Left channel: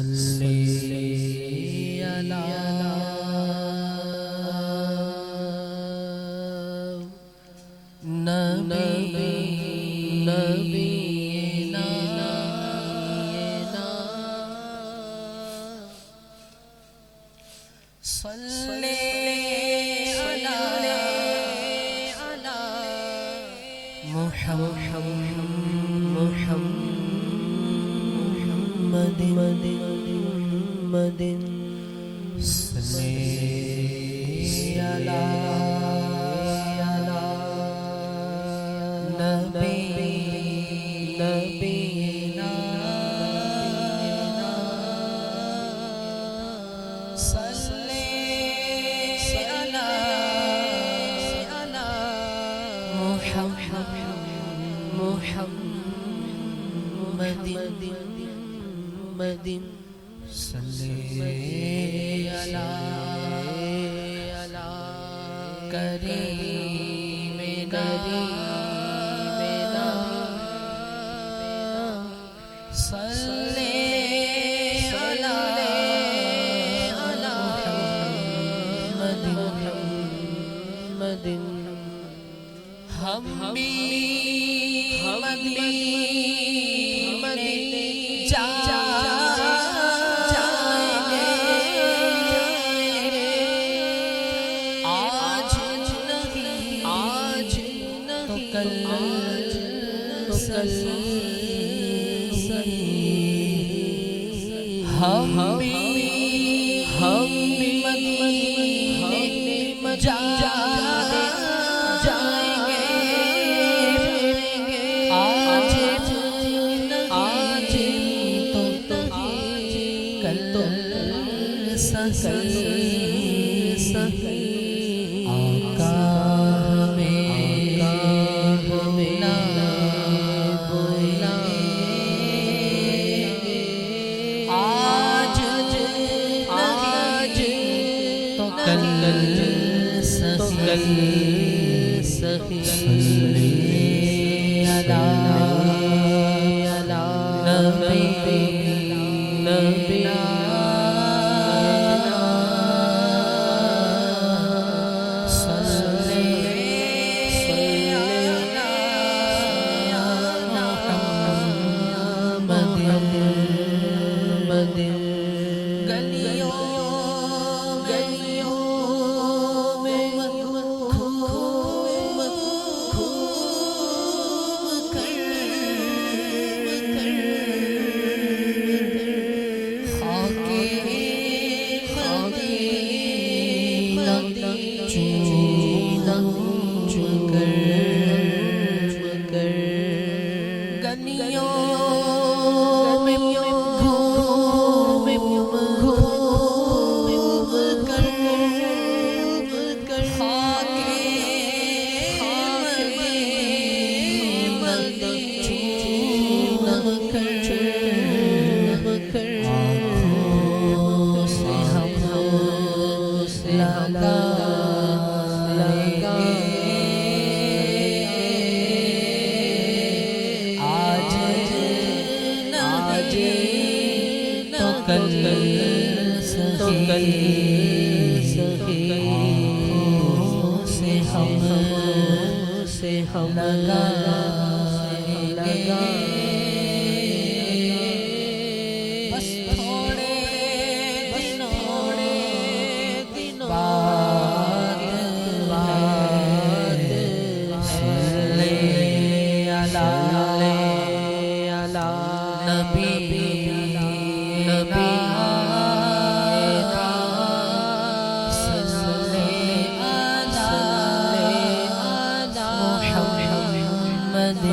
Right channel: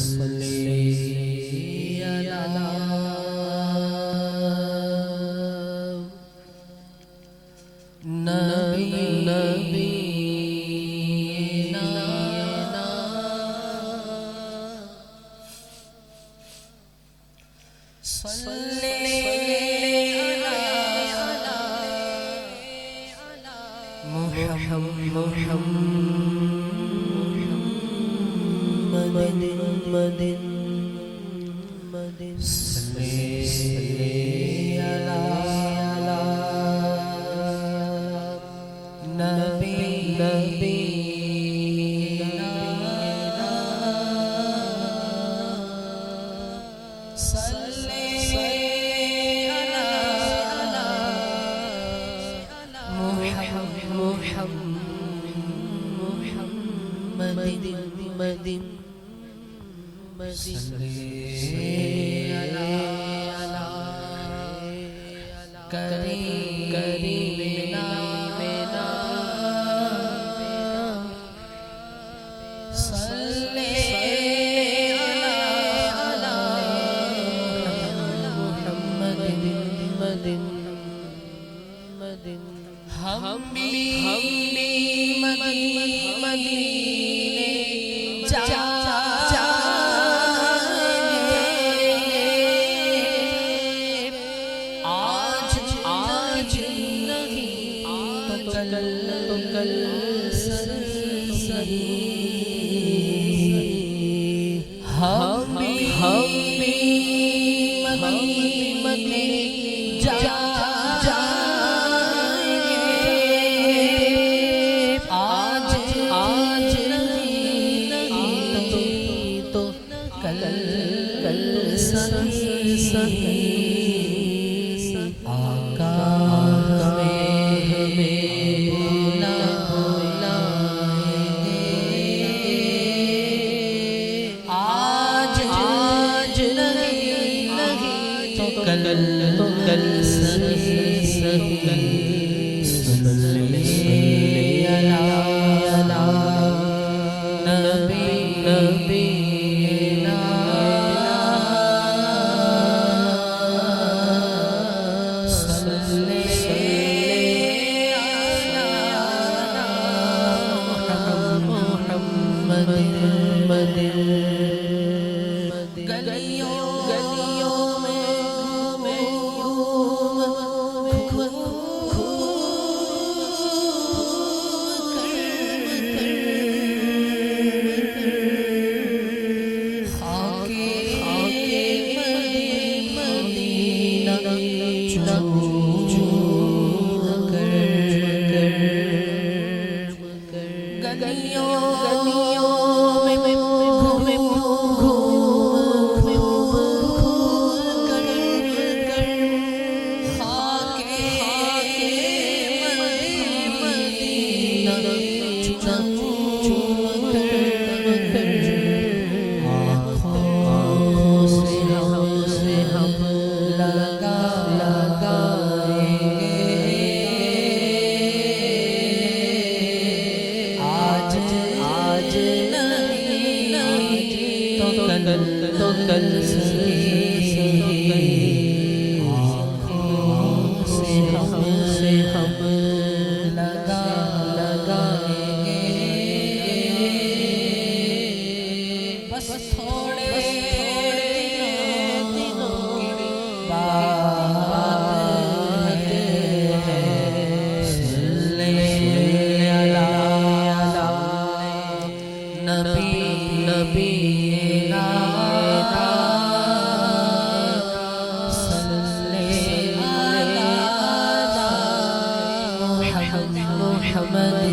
صلی علی نبینا صلی علی محمد صلی علی نبینا صلی علی محمد صلی علی کریمنا صلی علی محمد ہم بھی مدینے جائیں گے آج نہیں تو کل صحیح ہم بھی مدینے جائیں گے آج نہیں تو کل صحیح آقا ہمیں بلائیں گے آج نہیں تو کل صحیح صلی علی نبینا صلی علی محمد گلیوں میں گلیوں میں گھوم کر خاک مدینہ چوم کر آنکھوں سے ہم لگائیں گے آج نہیں تو کل صحیح آنکھوں سے ہم لگائیں گے بس تھوڑے دنوں کی بات ہے صلی علی نبینا صلی علی محمد